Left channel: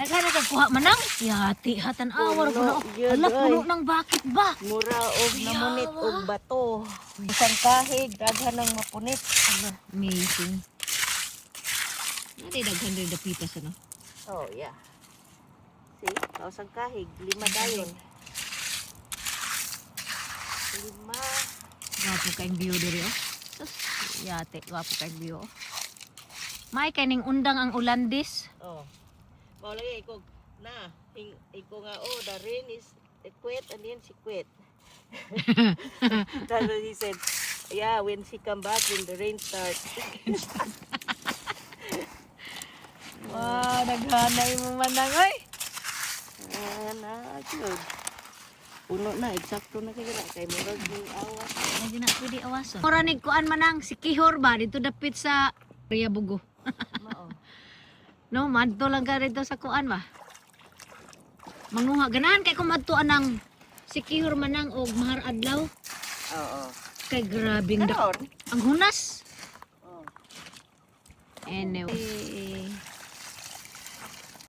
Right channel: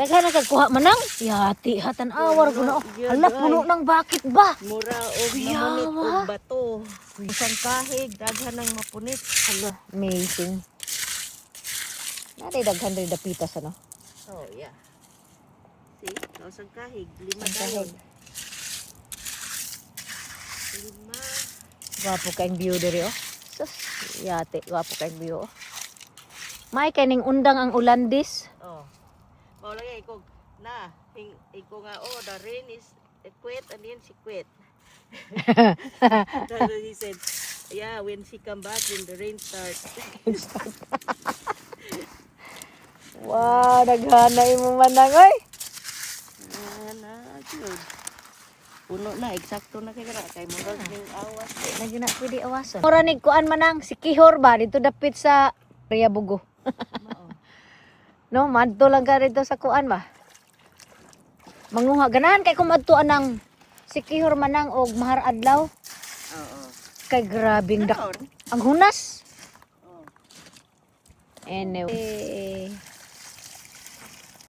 Daghan na kuha manang. Yati hatan awar Puno, ko. yun, Ala oy. puno ng bakit ba? Mura og namunit og bato. Isang kahig, daghan ng mapunit. Ala, amazing. Nari daghan rin dapitas ano. Oh, yeah. See? Kausang kahig. 5 dayon. 5. Gapo kaing view diri oh. Sus, yati gapo kaing view. Oh. May kining undang ang Ulandis. Oh. Mao lagi iko na. Iko nga the rain is quit and then she quit. That's what he said. Yeah, when she come back, when the rain starts. Wow, naghanay mo manang oy. Good. Puno na, eksakto na kaya kay murag ning awas. Medyo na pwede awason. Mura ni kuan manang si Kihor ba dito dapit sa Riabugo. Mao. No, madto lang ka dito sa kuan ba. Manguha ganahan kay kumadtuan ng si Kihor manang og Mahar Adlaw. Oo. Kay grabing Karon. ang hunas. Oh. Anyway.